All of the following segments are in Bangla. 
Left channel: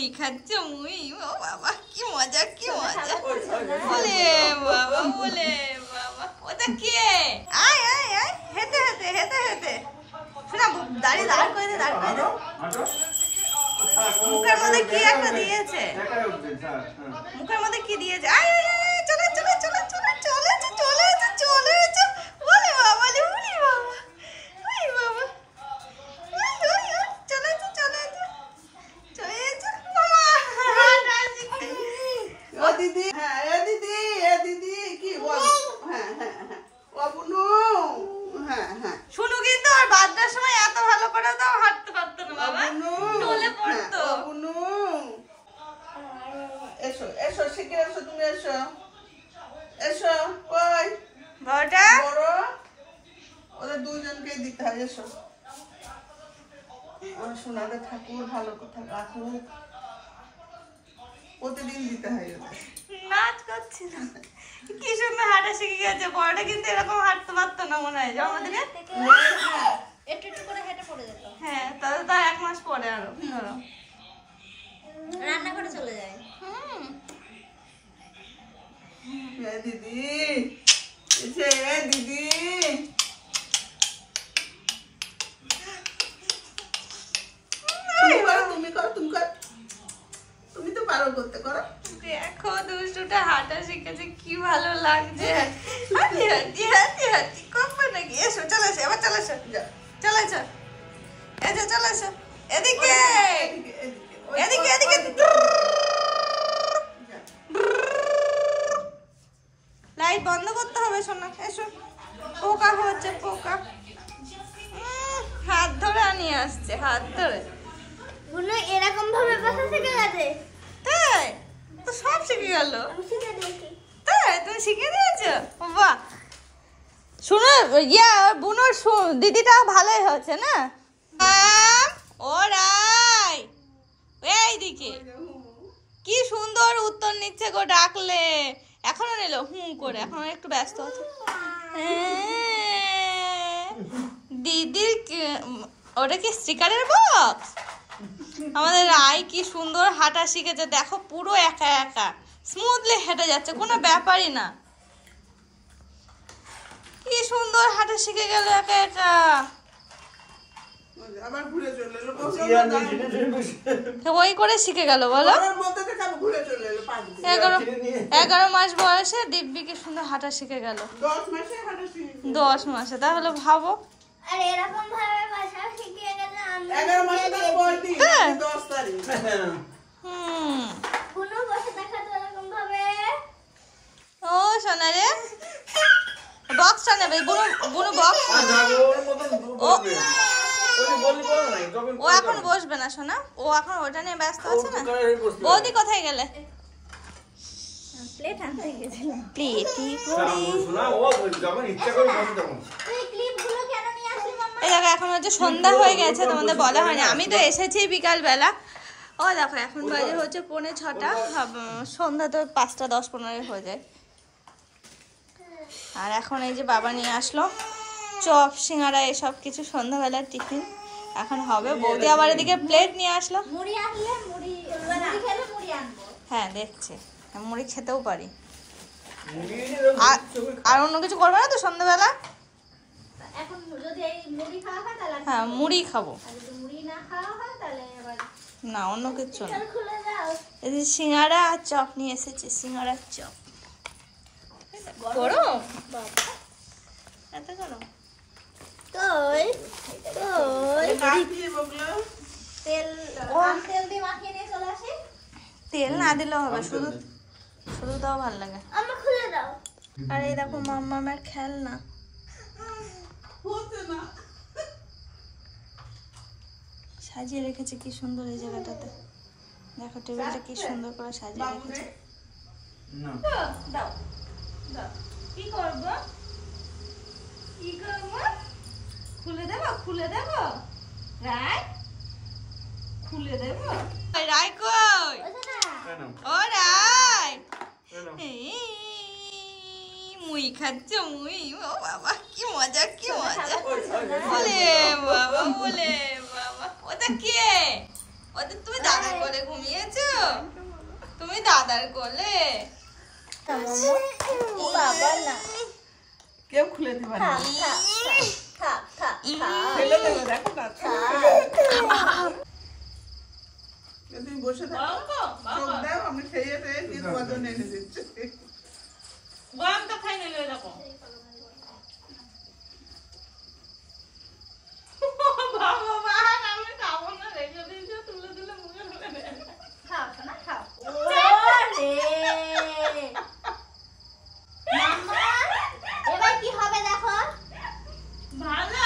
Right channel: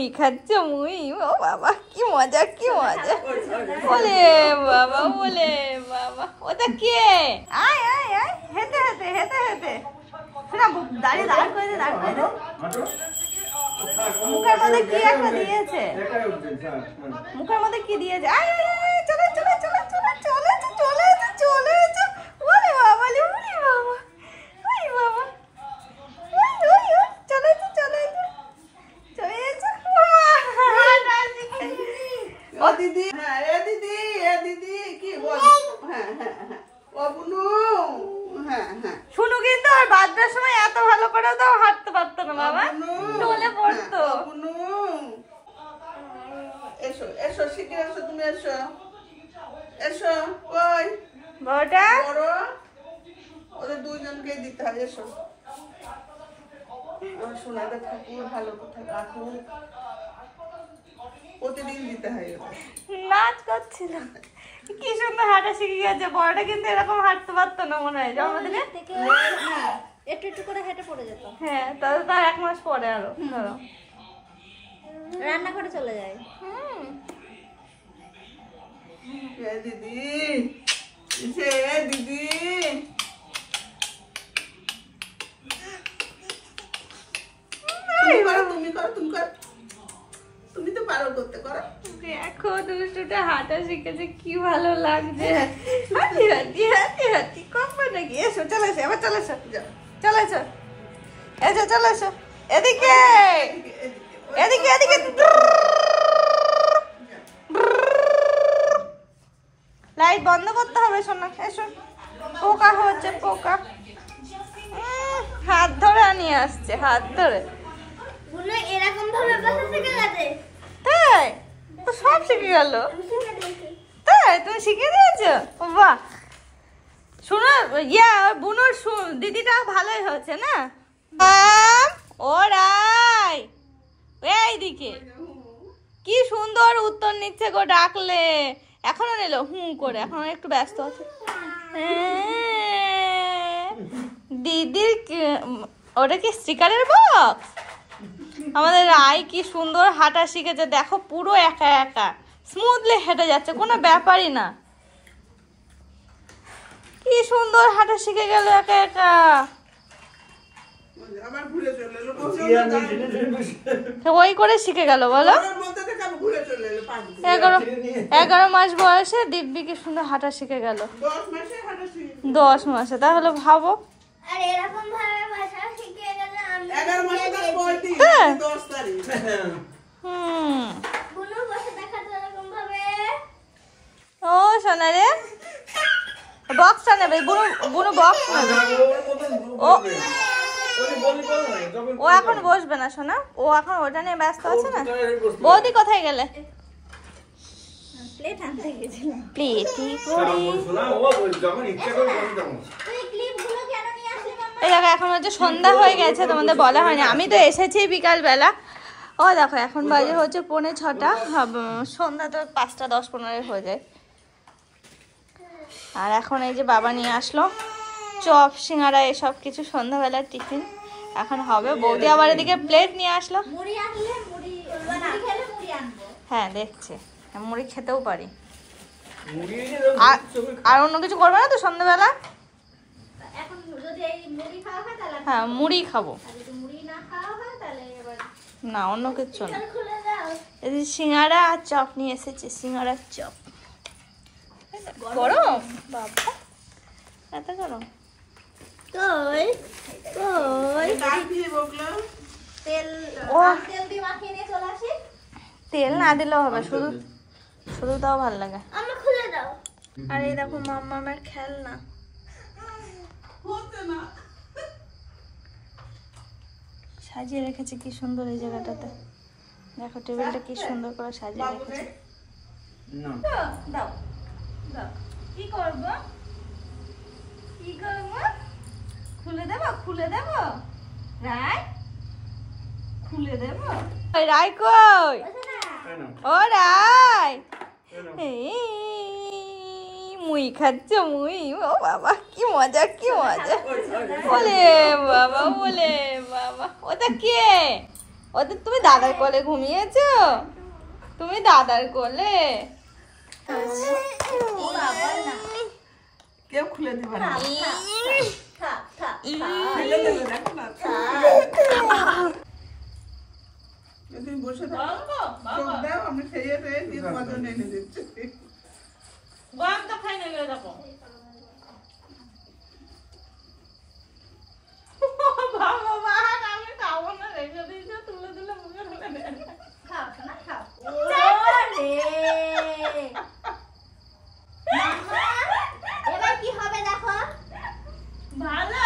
মুই খাচ্ছে মুই, ও বাবা কি মজা কি মজা, বলে বাবা বলে বাবা। ওটা কে? আয় আয় আয়, হেঁটে হেঁটে হেঁটে হেঁটে শোনা, দাঁড়িয়ে দাঁড় করে দে, দাঁড় করে দে। মুখের মধ্যে কি একটা দিয়েছে, মুখের মধ্যে কি দিয়েছে। আয় আয় আয়, চলে চলে চলে চলে চলে চলে চলে চলে, বলে বাবা বলে উনি বাবা, ওই বাবা, ওই ওই ওই চলে চলে চলে যাচ্ছে। ও দিদি, হ্যাঁ এ দিদি, এ দিদি কি বল? হ্যাঁ হ্যাঁ হ্যাঁ ও বুনু, হ্যাঁ হ্যাঁ শুনু কিন্তু আর বাচ্চার সময় এত ভালো করে তো হাঁটতে পারতো না বাবা, চলে পড়তো। বুনু এসো এসো, শিগগির এসো, তুমি এসো এসো। কই বড়টা বড়? ওদের দুইজনকেই দিতে হয়। এসো, আমার সোনাদের ঠাকুর ভালো কথা রাখুক, প্রতিদিন দিতে হয় ওদের। নাচ করছিল, কি সুন্দর হাঁটা শিখে গেছে। বড়টা কিন্তু এরকম হাঁটতে পারতো না মনে হয় জন্মদিনে, একটু একটু করে হেঁটে পড়ে যেত। হ্যাঁ তাহলে তার 1 মাস পরে আরো ধরো রান্না করে চলে যায়। এ দিদি, এসে এ দিদি, তুমি করো তুমি করো, তুমি তো পারো করতে, করো। দেখো দুষ্টুটা হাঁটা শিখেছে, কি ভালো লাগছে। হাঁটি হাঁটি হাঁটি হাঁটি কমবে নাকি? এসো চলে এসো, এবার চলে এসো, চলে এসো, এসো চলে এসো, এদিকে এদিকে এদিকে। লাইট বন্ধ করতে হবে শোনা, এসো। পোকা হচ্ছে পোকা, হাত ধরে নিয়ে আসছে, হাত ধরে। বুনু এরকম ভাবে বসা শিখে গেছে। তাই তো সব শিখে গেল। তাই তুমি শিখে দিয়েছো, বাহ। শুনো ইয়া বুনুর দিদিটা ভালোই হচ্ছে না। ওরাই এইদিকে কি সুন্দর উত্তর নিচ্ছে গো, ডাকলে এখনো নিল হুম করে, এখনো একটু ব্যস্ত আছে। দিদির ওটা কি স্টিকারের বক্স? আমাদের রায় কি সুন্দর হাঁটা শিখেছে দেখো, পুরো একা একা স্মুথলি হেঁটে যাচ্ছে, কোনো ব্যাপারই না। কি সুন্দর হাঁটা শিখে গেল একা একা, আবার ঘুরে চলে এলো, ওই করে শিখে গেল বলো। 11 মাস বয়সে দিব্যি কি সুন্দর হাঁটা শিখে গেল, 10 মাসে। তাহলে ভাবো, আর এরকম ভাবে বসা শিখে গেলে আমি 11 মাসে 10 তারিখ। বুনু বসে দেখাতো এরকম ভাবে। ও সোনা রে, বক্সটা নেবে বুনু, বুনু বক্স নেবে। ও এখন বসবে না সোনা, ও এখন ওটা নিয়ে ব্যস্ত আছে না। বৌদি কোথায় গেলে? প্লেট আনতে গেছিলাম। প্লেট তুই ক্লিপগুলো কেন নিয়ে আসলি মাম্মা? এই দেখো এখন হচ্ছে সন্ধ্যা হয়ে গেছে, তোমাদের বলা হয়নি, আমি তো এসেছি বিকাল বেলা। ও দেখো এখন বাজে হচ্ছে 5:45, সন্ধ্যা তো 5টা 10-15 হয়ে যায়। আর এখন এই যে বাবা নিয়ে আসলো চপ সিঙ্গারা এসব কিছু সন্ধ্যাবেলার টিফিন এখন হবে। বৌদি আবার এদিকে প্লেট নিয়ে আসলো। মুড়ি আনলে মুড়ি খেলে মুড়ি আনবো। হ্যাঁ দেখছে, মুড়ি খেতেও পারি। আর অন্য কিছু করবে না তো সন্ধ্যাবেলা? এখন যদি এই মুড়ি খাওয়া হয় তাহলে হ্যাঁ মুড়ি খাবো, আর যদি মুড়ি না খাওয়া হয় তাহলে এবার না অন্য কিছু না। খুলে দাও। এই যে সিঙ্গারা আর চপ নিয়ে এসেছি, সিঙ্গারার চপ। গরম বাবা, এত গরম। তেল দিয়ে মাখিয়ে নিয়ে চলে আসি। তেল না দিলেও হবে, শুধু শুধু দাও ভালো লাগে। আম্মা খুলে দাও। আর এই দেখো মাম্মামের খেলনা, সাজিয়ে রেখেছে কি সুন্দর এই জায়গাটাতে। দেখো টেবিলটা কি সুন্দর করে সাজিয়ে রেখেছে। দাও দাও, কি করবো কি করবো? খুলে দেবো খুলে দেবো রায়, খুলে দেবো। রায় কই? ও রায়, মুই খাচ্ছে মুই, ও বাবা কি মজা কি মজা, বলে বাবা বলে বাবা। ওটা কে? ওদের তুমি দাদার কোলে ঘুমিয়েছো? তুমি দাদার কোলে? কেউ খুলে দিবে না। ফেলে দেবে, দেখো না। তুমি বসে থাকো, চোখ দাও, আমি খেয়ে টেয়ে দিয়ে তোমার জন্য এনে দিচ্ছি। গরমটা খাই নিলে দেখো আমি খাবো না, রেখে দিয়েছো, তুলে দিলে মুখে ঢুকে দেবে। খাও না খাও এবার কি হবে দেখো ভালো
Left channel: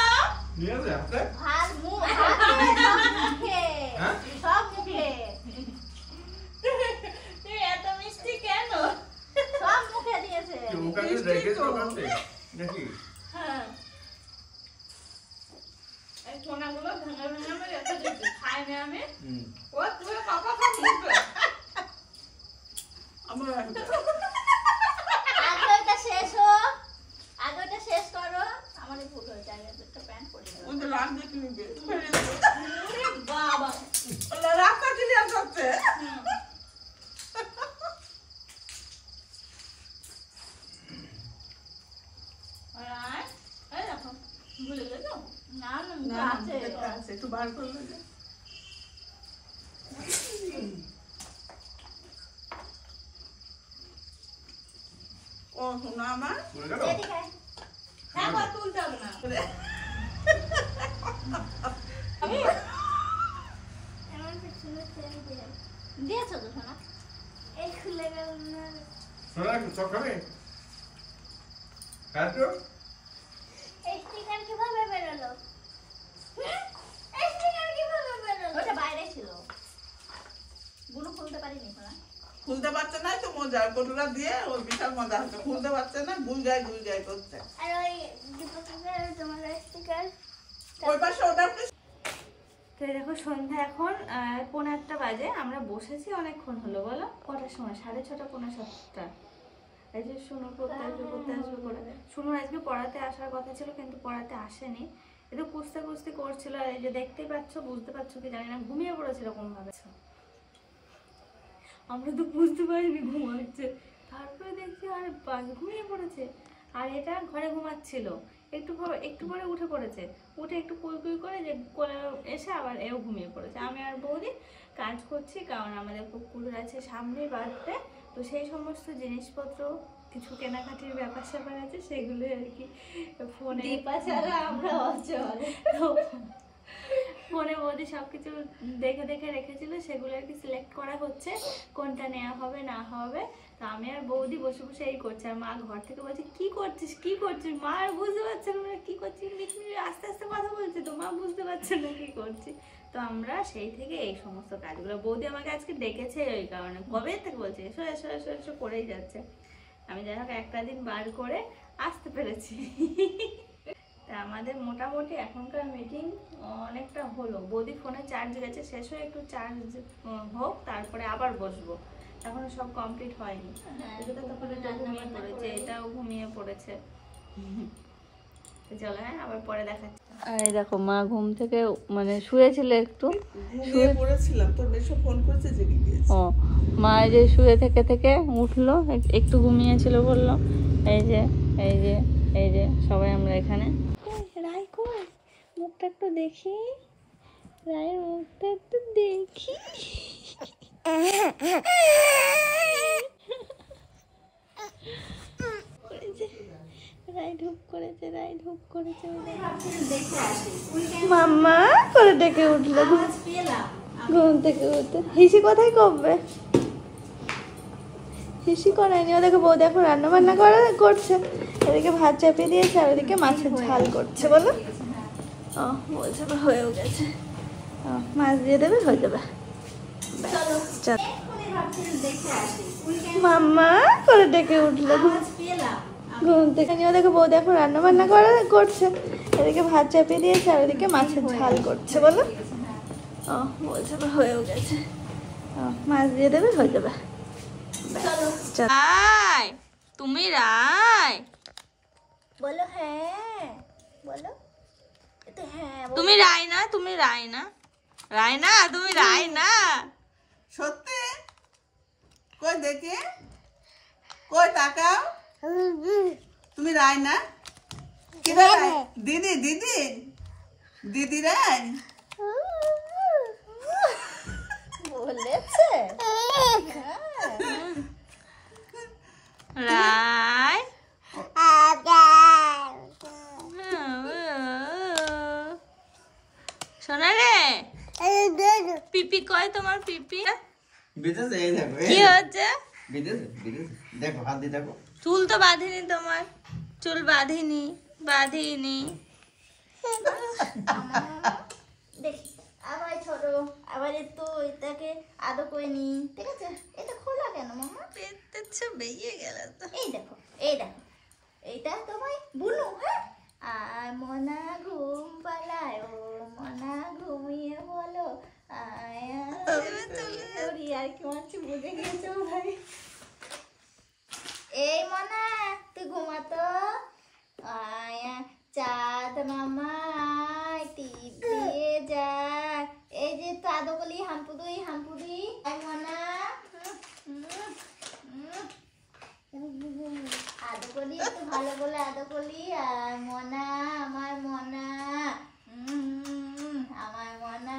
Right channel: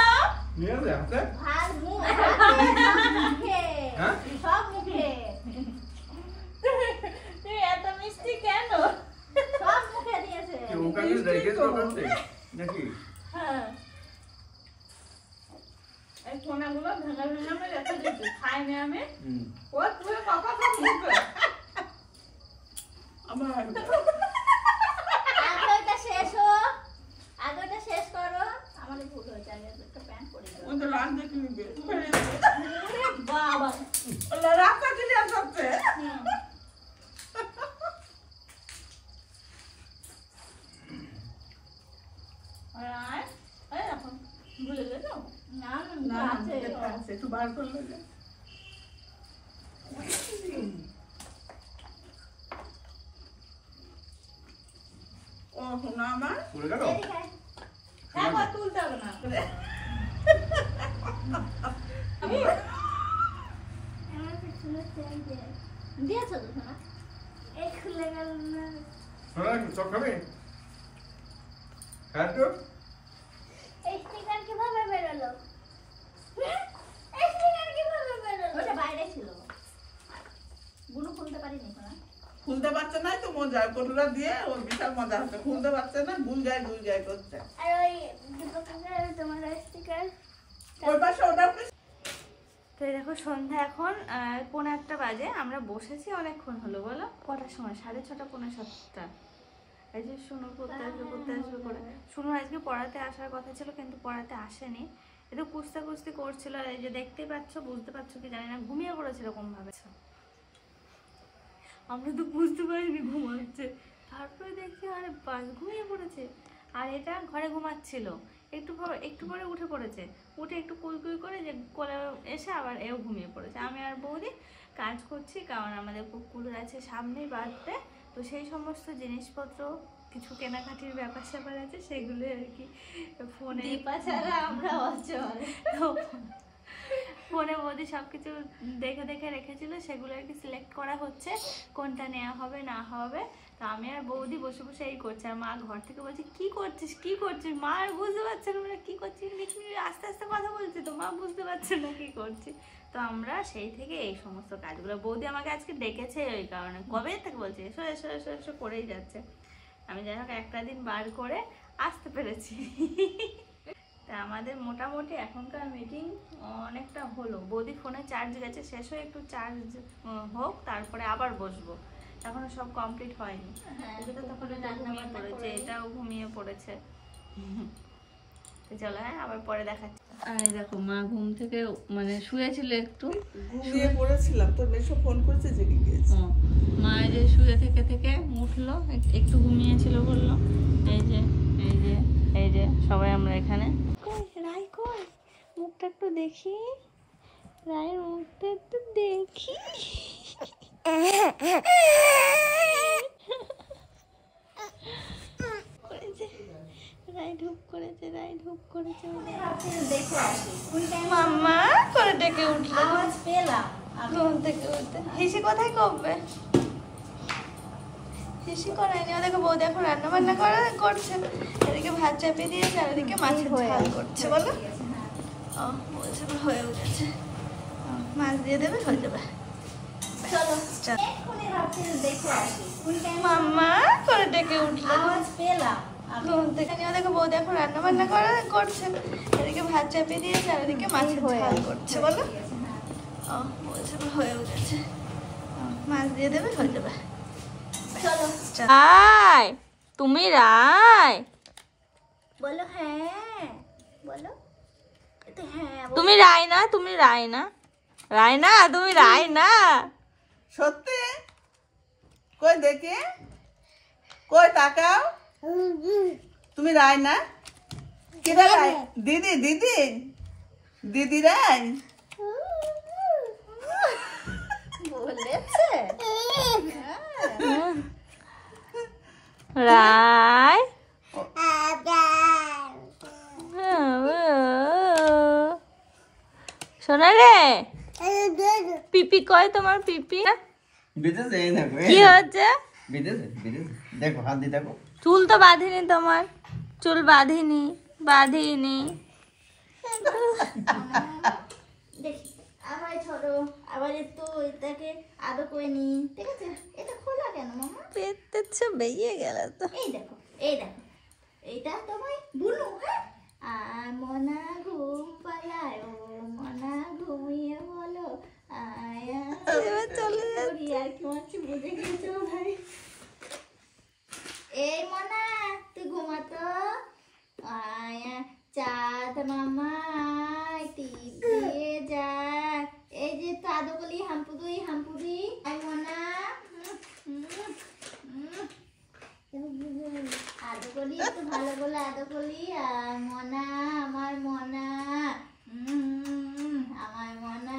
নিয়ে যা হাতে ভাত মুখে হ্যাঁ সব মুখে তুই এত মিষ্টি কেন? সব মুখে দিয়েছে কি মুখে কি রেখেছো কাছে নাকি হ্যাঁ এই সোনাগুলো ভেঙে ভেঙে আমি রেখে দিচ্ছি, খাইনি আমি। ও তুই কাকা খাবি? আমার আগে ওটা শেষ হোক, আগে ওটা শেষ করো। আমাদের ভুল হয়েছে, আগে একটা প্যান্ট পরে দাও। ওদের রাগ দেখে নিবে। বাবা ওরা রাস্তা ক্লিয়ার করছে। ভুলে গেছো? না না, না আছে দেখতে আছে, একটু বার করলে যে। ও শোনা আমার পড়ে গেল এদিকে আয়। একবার তুলতে হবে না। আমার পিছনে চেয়ার দিয়ে দিয়েছো তো সোনা? এই খুলে গেল না। শোনা চক খাবে হ্যাঁ তো এই স্টিকার কিভাবে বেরোলো? এই স্টিকার কিভাবে বেরোলো? ওটা বাইরে ছিল, গুলো খুলতে পারিনি সোনা। খুলতে পারছে না তো মজা কটুরা দিয়ে ওর বিশাল মজা হচ্ছে, খুলতে পারছে না, গুই গায় করছে। আর ওই দুটো তোমার স্টিকার ওই পাশে ওটা তো এই দেখো সন্ধ্যা এখন পৌনে 8টা বাজে। আমরা বসেছি অনেকক্ষণ হলো, বলো কটার সময়? 6:30 পৌনে 7টা। এই যে শুনো পড়তে আসবে করে। শুনো আজকে পড়াতে আসার কথা ছিল কিন্তু পড়াতে আসেনি, একটু কুস্তি করছিল। আর এই যে দেখতেই পাচ্ছ, বুঝতে পারছো কি জানি না, ঘুমিয়ে পড়েছে এরকম ভাবে। আমরা তো বুঝতে পারিনি ঘুমাচ্ছে, তারপরে দেখছি আরে বাস ঘুমিয়ে পড়েছে। আর এটা ঘরে ঘুমাচ্ছিল, একটু পরে উঠে পড়েছে, উঠে একটু কুই করে যে কোলে এসে আবার এও ঘুমিয়ে পড়েছে। আমি আর বৌদি কাজ করছি, কারণ আমাদের কুকুর আছে সামনেই বাড়িতে, তো সেই সমস্ত জিনিসপত্র কিছু কেনাকাটির ব্যাপার আছে, সেগুলো আর কি ফোনে দীপা ছাড়া আমরা অচল। ফোনে বৌদি সবকিছু দেখে রেখেছিল, সেগুলো আর কি সিলেক্ট করা হচ্ছে কোনটা নেওয়া হবে না হবে। তো আমি আর বৌদি বসে এই করছি, আর মা ঘর থেকে বলছে কি করছিস। মা আর বুঝতে পারছে না কি করছি, আস্তে আস্তে কথা বলছি, তো মা বুঝতে পারছে না কি করছি। তো আমরা সেই থেকে এই সমস্ত কাজগুলো, বৌদি আমাকে আজকে ডেকেছে ওই কারণে, কবে থেকে বলছে এসো এসো এসো এসো করেই যাচ্ছে। আমি যাই হোক একটা দিন বার করে আসতে পেরেছি। তা আমাদের মোটামুটি এখনকার মিটিং অনেকটা হলো। বৌদি ফোনে চার্জ গেছে, শেষ হয়ে একটু চার্জ হোক তারপরে আবার বসবো, এখনো সব কমপ্লিট হয়নি। এটা তখন ঘুমিয়ে পড়েছে, এটাও ঘুমিয়ে পড়েছে। চলো হ্যাঁ আবার পরে দেখাচ্ছি। আর এই দেখো মা ঘুম থেকে মানে শুয়েছিল, একটু ঘুমিয়ে পড়েছিলাম, তোর মেশো ফোন করেছে জেগে গিয়েছে। ও মা এই যে শুয়ে থেকে উঠলো, একটু ঘুমিয়েছিল বললো। এই যে সবাই আমরা এখানে। রায় কই, মুখটা একটু দেখি, রায়ের মুখটা একটু দেখি। রায় ঢুক করেছে মাম্মা করে ডেকে উঠলো। আওয়াজ পেলাম। ঘুম থেকে উঠে হিসি কোথায় করবে, হিসি করায়নি। ও দেখো বউ দেখো রান্না বান্না করছে, এদিকে ভাত চাপিয়ে দিয়েছে আর ওদিকে মাছের ঝাল করছে। বলো ও বলছে তো হয়েও গেছে, মাছ দিয়ে দেবে, হয়ে যাবে। চলো চল এক্ষুনি ভাবছি দেখে আসি। মাম্মা করে ডেকে উঠলো। আওয়াজ পেলাম। ঘুম থেকে ও দেখো বউ দেখো রান্না বান্না করছে, এদিকে ভাত চাপিয়ে দিয়েছে আর ওদিকে মাছের ঝাল করছে। বলো ও বলছে তো হয়েও গেছে, মাছ দিয়ে দেবে, হয়ে যাবে। চলো রায় তুমি রায়, বলো হ্যাঁ, বলো এটা হ্যাঁ। তুমি রায় না রায়না, তুমি রায়না? সত্যি? কই দেখি, কই তাকাও। তুমি রায়না? কিরা রায়? দিদি দিদি দিদি রায়। বলেছে রায় শোনা রে, পিপি কয় তোমার পিপি? বিদেশে এই দেখো, কি হচ্ছে? বিদেশে দেখো, হাত দিয়ে দেখো। চুল তো বাঁধিনি তোমার, চুল বাঁধিনি। দেখি আবার ছোট আবার একটু এটাকে আদো করে নি, ঠিক আছে? এটা খোলা কেন মামা? পেটে বেরিয়ে গেল তো। এই দেখো এইটা তোমায় বুনু। হ্যাঁ, আর মনা ঘুম পালায়, ও মনা ঘুমিয়ে বলো আয়া চলে যাবি। আর কি মারছি, বুঝে গেছো ভাই? এই মনা তুই ঘুমাতো, আয়া চাঁদ মামা টিপ দিয়ে যা। এই যে তো আদকলি হাম্পুদি আই মনা আদকলি, একটু ভালো বলে আদকলি। আর মনা আমার মনা, আমার মনা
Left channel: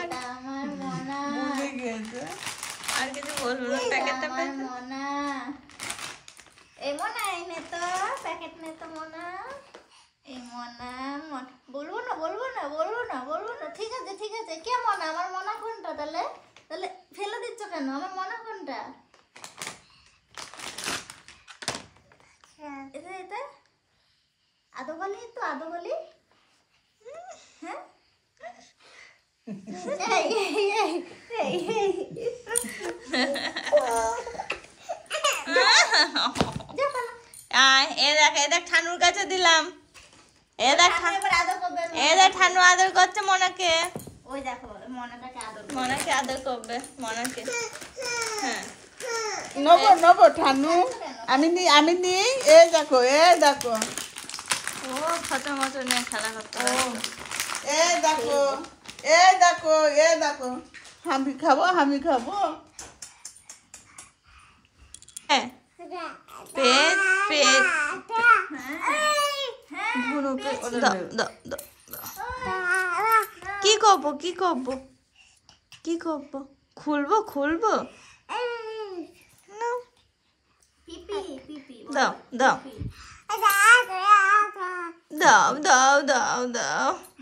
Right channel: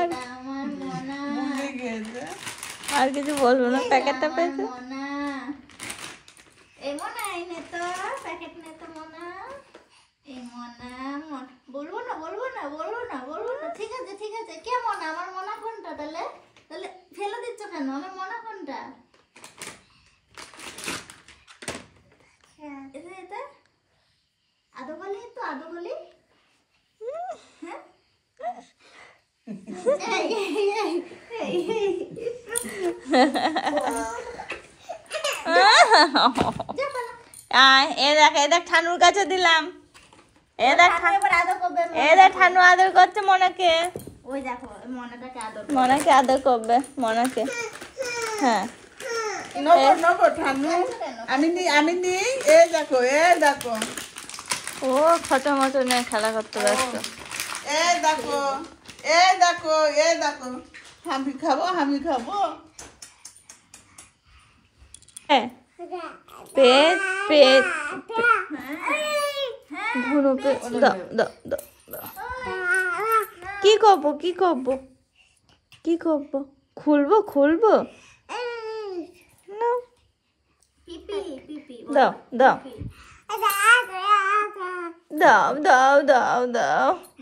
এটা আমার মনা। আর কিছু বলবো না, প্যাকেটটা আমার পেয়েছে। মনা, এই মনা এই নে তো প্যাকেট, নে তো মনা। এই মনা বলবো না। ঠিক আছে কে মনা? আমার মনা কোনটা? তাহলে ফেলে দিচ্ছ কেন? আমার মনা কোনটা? এটা আদোগলি তো আদোগলি। হ্যাঁ এ দেখ ঠানুর কাছে দিলাম। এ দেখ এবার আদর করবে। ঠানু আদর করছে মনাকে। ওই দেখো মনাটাকে আদর মনাকে আদর করবে, মনাকে। হ্যাঁ নেবো ঠান্ডু। আমি নি। এ দেখো ও খত মতো নিয়ে খেলা করতে ব্যস্ত। এ দেখো আমি খাবো। পেট ভুনুকে দাও। কি করবো? খুলবো না। পিপি দাও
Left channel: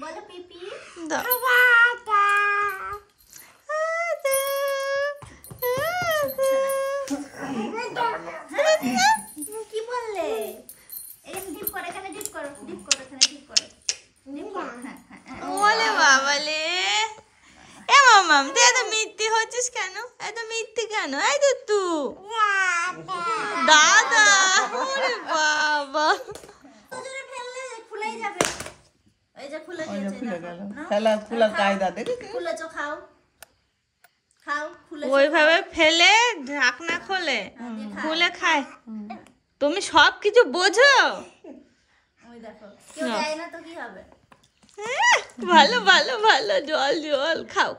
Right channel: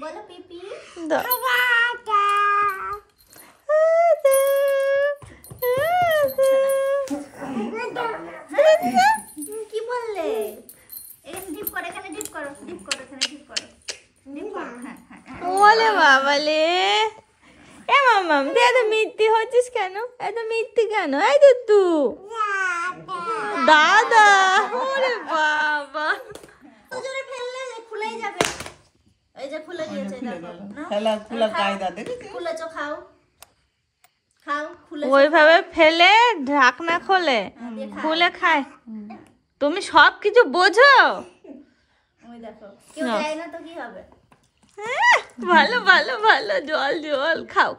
বলো পিপি। দাও। কি বললে? ডিপ করো, এখানে ডিপ করো। হ্যাঁ। ওলে বাবালে, এ মামাম তুই এত মিথ্যি হচ্ছিস কেন? এই তো তুই দাদা। ওরে বাবা, ওজনে ফেললে খুলেই যাবে। এই যে খুলে দিয়েছে দেখো। খোলা কায়দা দেখেছি। খুলেছো, খাও খুলে। ওইভাবে ফেলে ঢাকনা খুলে খায়। তুমি সব কিছু বোঝো? ওই দেখো কেউ যায় না তো কি হবে? ভালো জল খাও।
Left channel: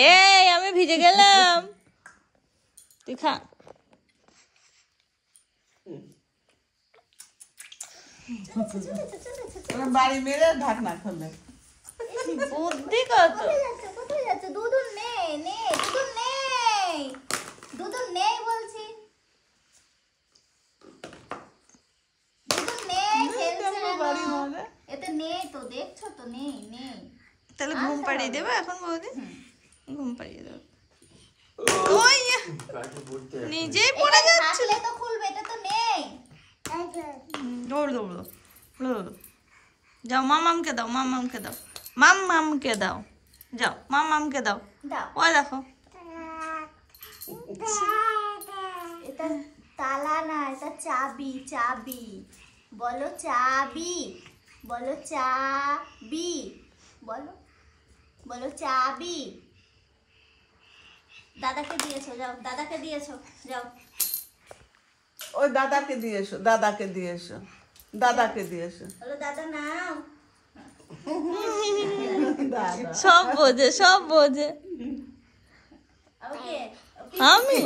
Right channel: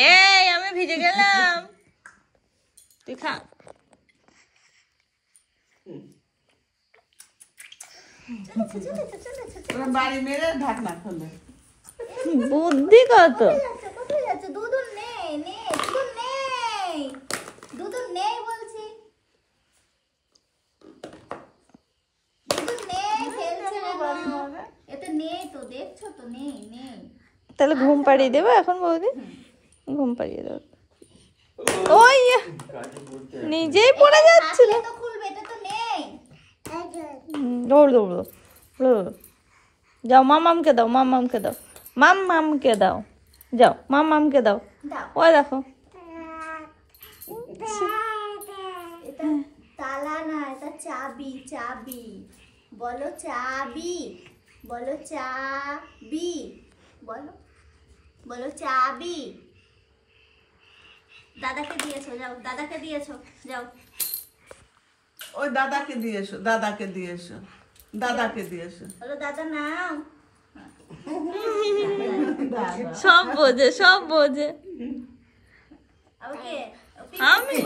এই আমি ভিজে গেলাম, তুই খা। বাড়ি মেরে ঢাকনা খুলবে। বুদ্ধি কত! কোথায় যাচ্ছে? দুধ নেই বলছি। দুধ নেই, ফেলছে কেন? এতে নেই তো, দেখছো তো নেই। তাহলে ঘুম পাড়িয়ে দেবো এখন বৌদি? ঘুম পাড়িয়ে দেবো। ওই নিজেই পড়ে যাচ্ছিল। তো খুলবে, এটা তো নেই। দৌড় যাও, মামামকে দাও। যাও মামামকে দাও। দাও। ওই দেখো, এটা তালা না, এটা চাবি। বলো চাবি। বলো চাবি। দাদাকে দিয়েছো, যাও। ওই দাদাকে দিয়েছো। বলো দাদা নাও। সব বোঝে সব বোঝে ওকে আমি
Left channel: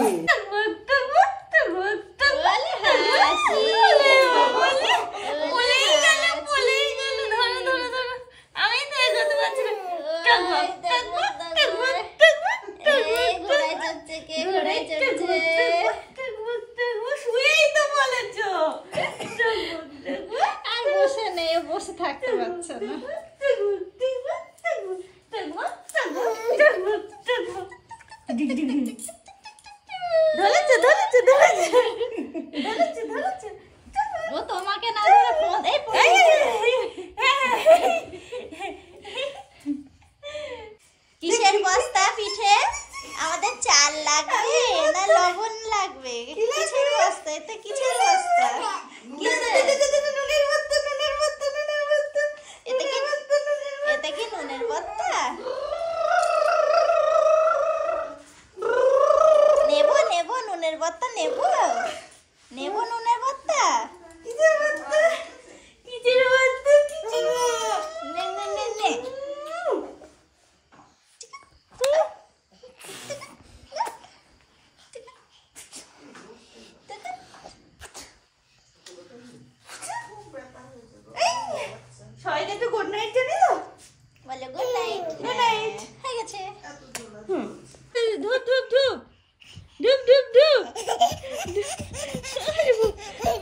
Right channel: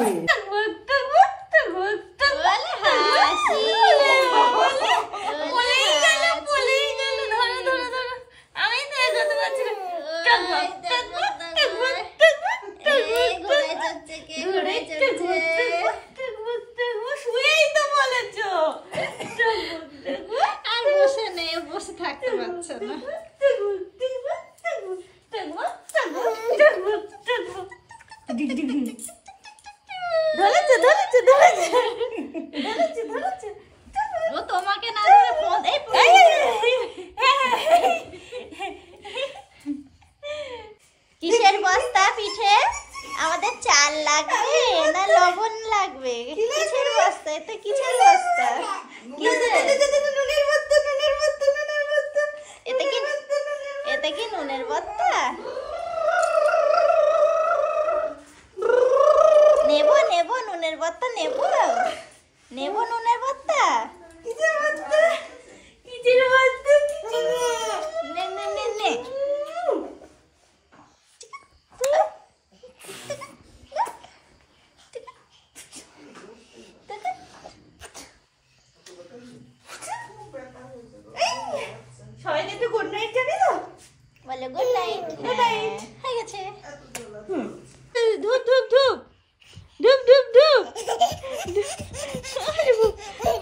শুয়েই তো বলেছো আর বসে নেই, বসে থাকতে পারছে না। ধরেছে ধরেছে ধরেছে ধরেছে ধরেছে ও তোমাকে না ধরে ফোন এই কিসের বস্তা পিঠে? আমাদের চাল লাগবে না লবণ লাগবে? কিসের বস্তা? এটা কিসের বস্তা? নুনের বস্তা নুনের বস্তা নুনের বস্তা এটা কি এটা কি নুনের বস্তা? নেব নেব নুনের বস্তা নেব নেব নুনের বস্তা। কিসের বস্তা কিসের বস্তা কিসের নে নে নে নে সবাইকে একটু গুড নাইট জানি তো বলে গুড নাইট। Good night. হয়ে গেছে। ধুপ ধুপ ধুপ ধুপ ধুপ ধুপ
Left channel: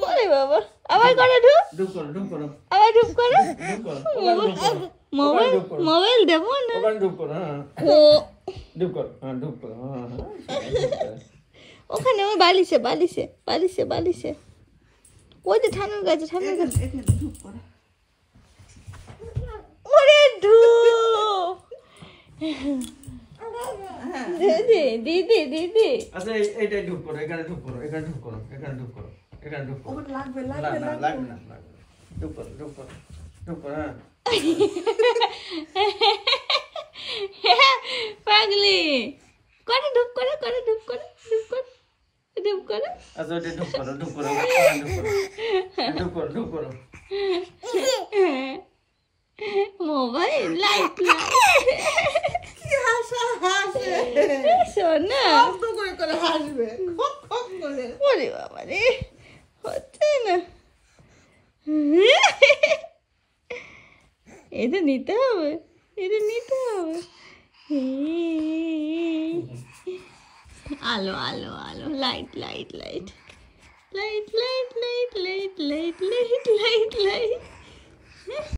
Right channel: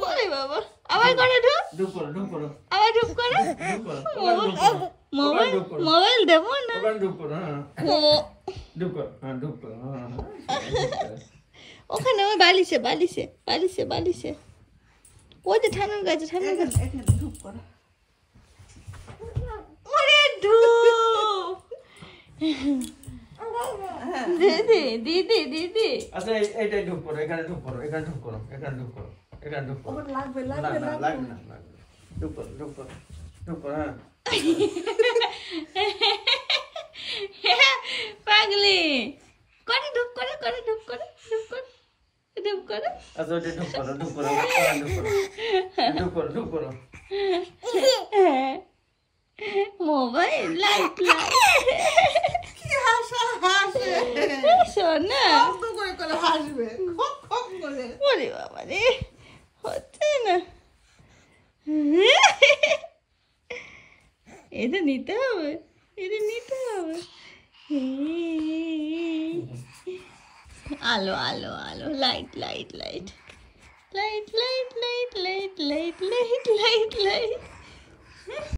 ওরে বাবা আবার করে ধুপ ডুব করো ডুব করো আবার ধুপ করে ডুব করো ওখানে ডুব করো মোবাইল মোবাইল দেবো না ওখানে ডুব করো হ্যাঁ ও ডুব করো হ্যাঁ ডুব করো হ্যাঁ ওখানে ওই বালিশে বালিশে বালিশে বালিশে ওই যে ঠানুর গাছে ঠানুর গাছে এখানে ধূপ করো। ওরে ধুপ দিদি দিদি দিদি আচ্ছা এইটাই ডুব করো এখানে ডুব করো এখানে ডুব করো এখানে ডুব করো এখানে ডুব করো ওর লাগবে না লাগবে না লাগবে লাগবে না লাগবে না। ডুব করো ডুব করো ডুব করো হ্যাঁ পাগলি করে ধুপ করে করে ধুপ করে ধুপ করে ধুপ করে আচ্ছা ওইটা ডুব করো ডুব করো এখানে ডুব করো ডুব করো ডুব করো মোবাইল লাইট সোনা শব্দ করে করে হাসবে খপ খপ করে। ওরে বাবা রে হচ্ছে না এটা নিতে হবে এটা নিতে হবে আলো আলো আলো light light light light light light light light light light light